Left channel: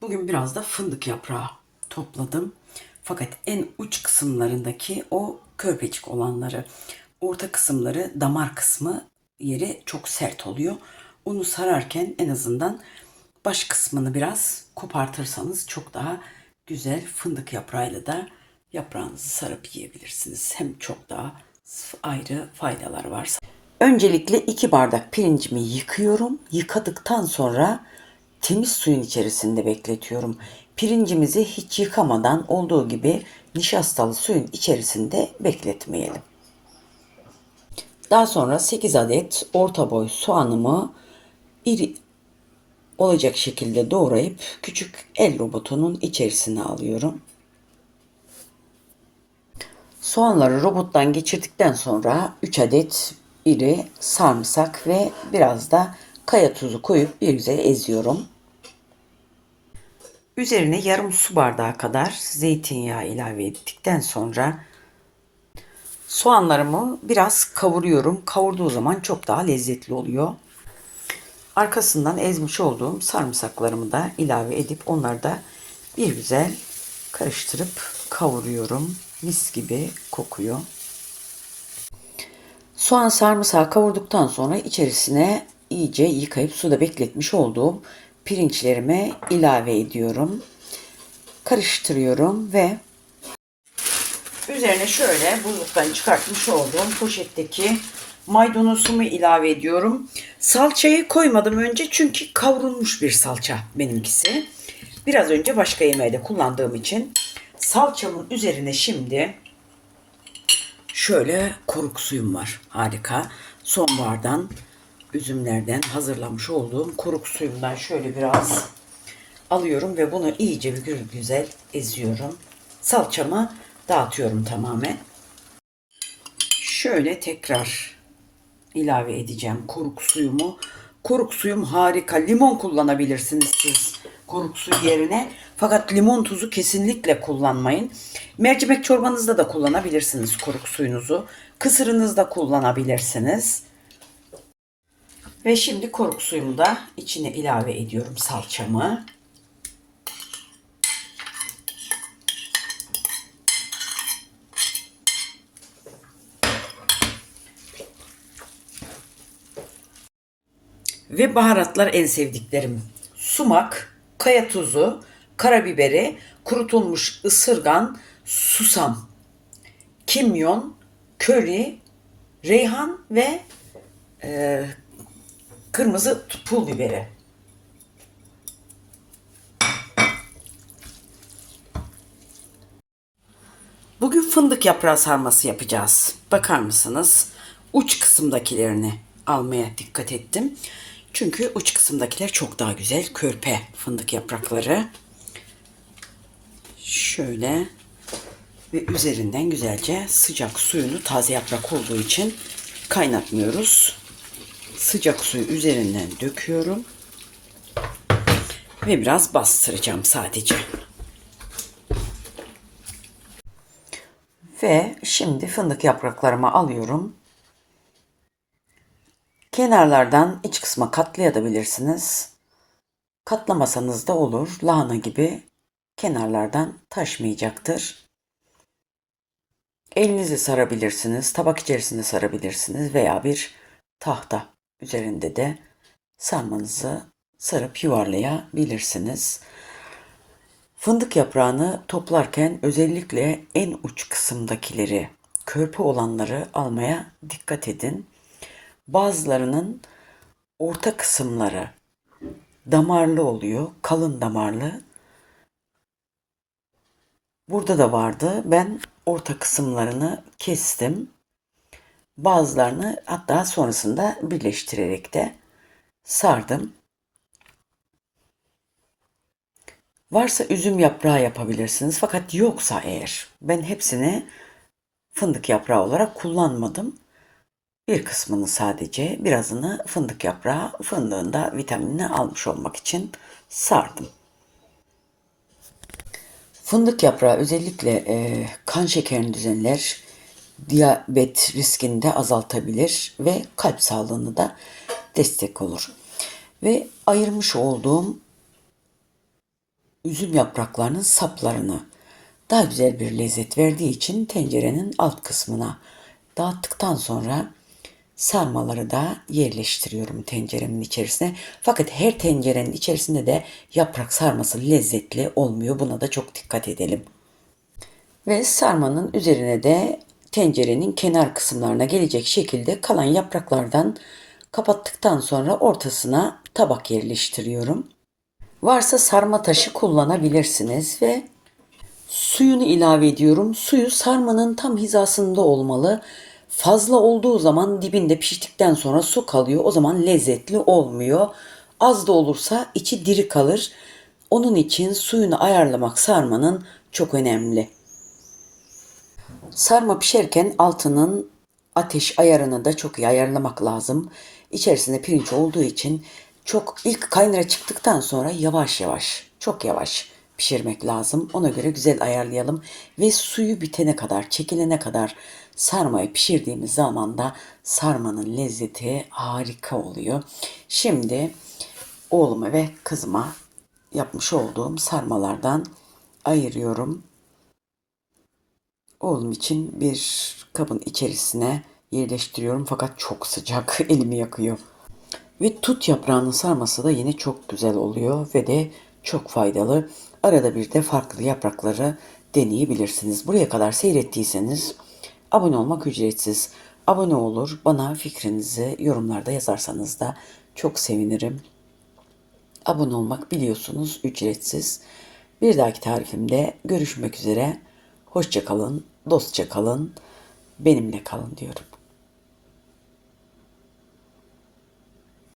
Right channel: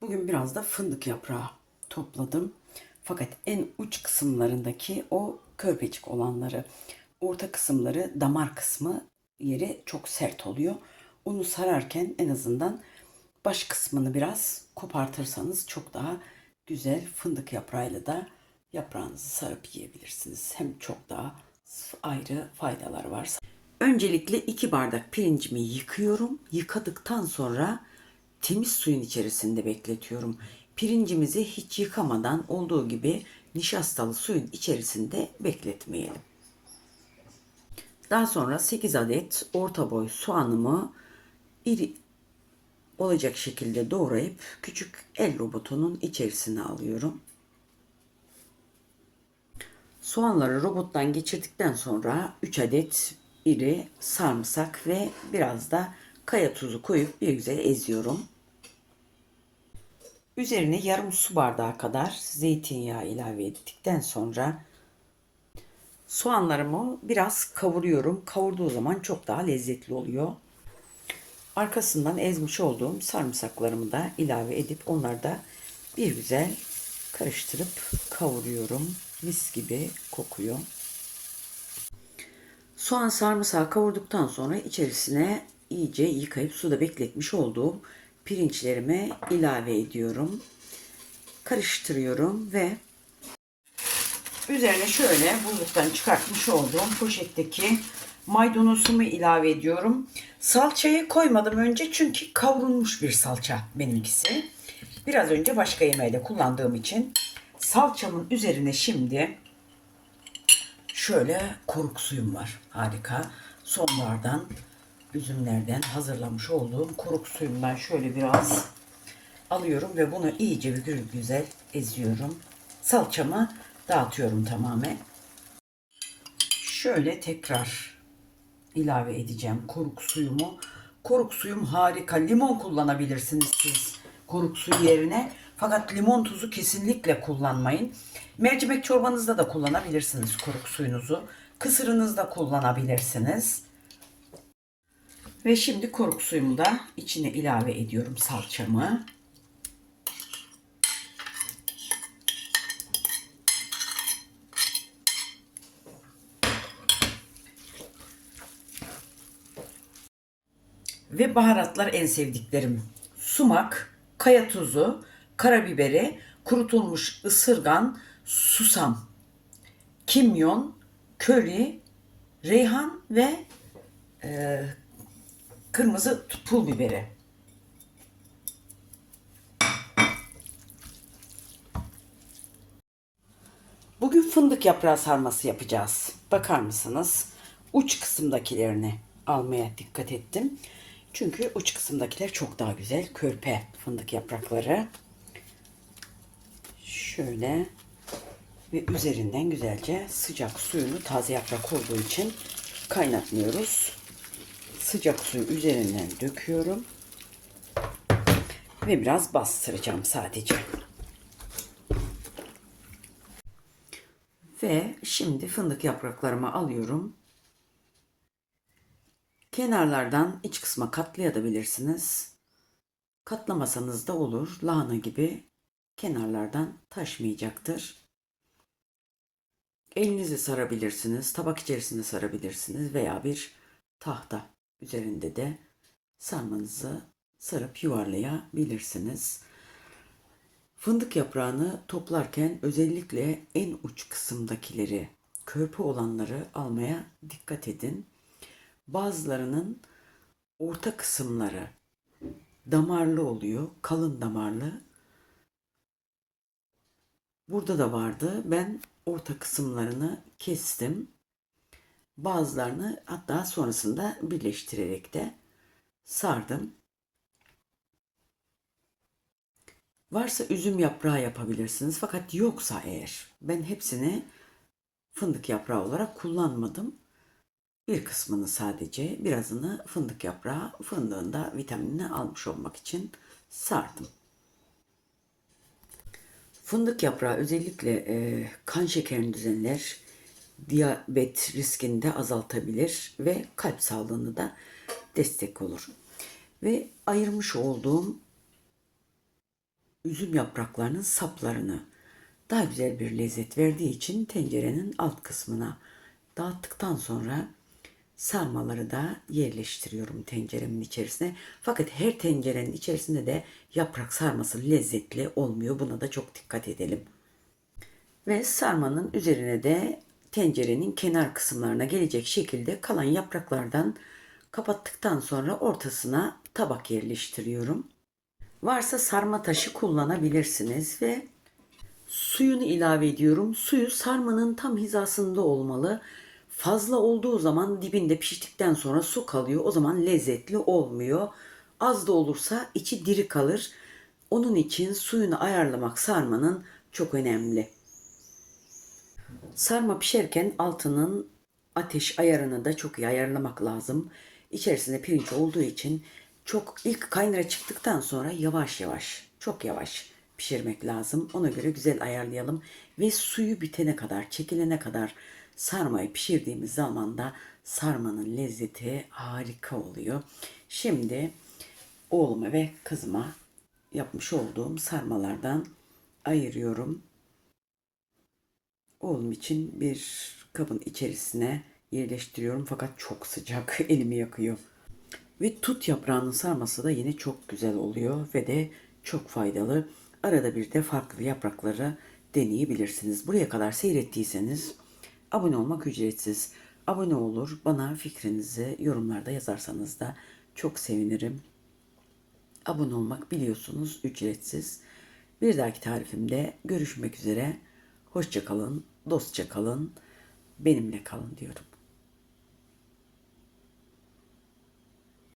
Bugün biraz da fındık yaprağı topladım. Fakat en uç kısımlarındaki o körpecik olanları, orta kısımları, damar kısmı yeri çok sert oluyor. Onu sararken en azından baş kısmını biraz kopartırsanız çok daha güzel fındık yaprağıyla da yaprağınızı sarıp yiyebilirsiniz. Hem çok daha ayrı faydalar var. Öncelikle iki bardak pirincimi yıkıyorum. Yıkadıktan sonra temiz suyun içerisinde bekletiyorum. Pirincimizi hiç yıkamadan olduğu gibi nişastalı suyun içerisinde bekletmeyelim. Daha sonra 8 adet orta boy soğanımı iri olacak şekilde doğrayıp küçük el robotunun içerisine alıyorum. Soğanları robottan geçirdikten sonra 3 adet iri sarımsak ve biraz da kaya tuzu koyup bir güzel eziyorum. Üzerine yarım su bardağı kadar zeytinyağı ilave ettikten sonra soğanlarımı biraz kavuruyorum. Kavurduğu zaman çok daha lezzetli oluyor. Arkasından ezmiş olduğum sarımsaklarımı da ilave edip onları da bir güzel karıştırıp kavuruyorum. Mis gibi kokuyor. Soğan sarımsağı kavurduktan sonra içerisine iyice yıkayıp suda bekletmiş olduğum pirinçlerime ilave ediyorum. Karıştırıyorum ve üzerine şöyle buzluktan çıkartmış olduğum poşetteki maydanozumu ilave ediyorum. Salçayı koymadım önce çünkü kavrulmuş bir salça benimkisi. Biraz önce başka yemeğde kullandığım için salçamın üzerine şimdi şöyle koruk suyum var. Harika. Sonbahardan üzümlerden hazırlamış olduğum koruk suyumdan şöyle biraz alıyorum ve bunu iyice bir güzel eziyorum. Salçamı dağıtıyorum tamamen. Şöyle tekrar ilave edeceğim koruk suyumu. Koruk suyum harika. Limon kullanabilirsiniz siz koruk suyu yerine. Fakat limon tuzu kesinlikle kullanmayın. Mercimek çorbanızda da kullanabilirsiniz koruk suyunuzu. Kısırınızda kullanabilirsiniz. Ve şimdi koruk suyumu da içine ilave ediyorum salçamı. Ve baharatlar en sevdiklerim. Sumak, kaya tuzu, karabiberi, kurutulmuş ısırgan, susam, kimyon, köri, reyhan ve e, kırmızı pul biberi. Bugün fındık yaprağı sarması yapacağız. Bakar mısınız? Uç kısımdakilerini almaya dikkat ettim. Çünkü uç kısımdakiler çok daha güzel. Körpe fındık yaprakları. Şöyle ve üzerinden güzelce sıcak suyunu taze yaprak olduğu için kaynatmıyoruz. Sıcak suyu üzerinden döküyorum. Ve biraz bastıracağım sadece. Ve şimdi fındık yapraklarımı alıyorum. Kenarlardan iç kısma katlayabilirsiniz. Katlamasanız da olur. Lahana gibi kenarlardan taşmayacaktır. Elinizi sarabilirsiniz, tabak içerisinde sarabilirsiniz veya bir tahta üzerinde de sarmanızı sarıp yuvarlayabilirsiniz. Fındık yaprağını toplarken özellikle en uç kısımdakileri, körpe olanları almaya dikkat edin. Bazılarının orta kısımları damarlı oluyor, kalın damarlı. Burada da vardı. Ben orta kısımlarını kestim. Bazılarını hatta sonrasında birleştirerek de sardım. Varsa üzüm yaprağı yapabilirsiniz. Fakat yoksa eğer ben hepsini fındık yaprağı olarak kullanmadım. Bir kısmını sadece birazını fındık yaprağı fındığında vitaminini almış olmak için sardım. Fındık yaprağı özellikle e, kan şekerini düzenler, diyabet riskini de azaltabilir ve kalp sağlığını da destek olur. Ve ayırmış olduğum üzüm yapraklarının saplarını daha güzel bir lezzet verdiği için tencerenin alt kısmına dağıttıktan sonra sarmaları da yerleştiriyorum tenceremin içerisine. Fakat her tencerenin içerisinde de yaprak sarması lezzetli olmuyor. Buna da çok dikkat edelim. Ve sarmanın üzerine de tencerenin kenar kısımlarına gelecek şekilde kalan yapraklardan kapattıktan sonra ortasına tabak yerleştiriyorum. Varsa sarma taşı kullanabilirsiniz ve suyunu ilave ediyorum. Suyu sarmanın tam hizasında olmalı. Fazla olduğu zaman dibinde piştikten sonra su kalıyor. O zaman lezzetli olmuyor. Az da olursa içi diri kalır. Onun için suyunu ayarlamak sarmanın çok önemli. Sarma pişerken altının ateş ayarını da çok iyi ayarlamak lazım. İçerisinde pirinç olduğu için çok ilk kaynara çıktıktan sonra yavaş yavaş, çok yavaş pişirmek lazım. Ona göre güzel ayarlayalım ve suyu bitene kadar, çekilene kadar sarmayı pişirdiğimiz zaman da sarmanın lezzeti harika oluyor. Şimdi oğluma ve kızıma yapmış olduğum sarmalardan ayırıyorum. Oğlum için bir kabın içerisine yerleştiriyorum fakat çok sıcak elimi yakıyor. Ve tut yaprağının sarması da yine çok güzel oluyor ve de çok faydalı. Arada bir de farklı yaprakları deneyebilirsiniz. Buraya kadar seyrettiyseniz abone olmak ücretsiz. Abone olur, bana fikrinizi yorumlarda yazarsanız da çok sevinirim. Abone olmak biliyorsunuz ücretsiz. Bir dahaki tarifimde görüşmek üzere. Hoşça kalın, dostça kalın, benimle kalın diyorum.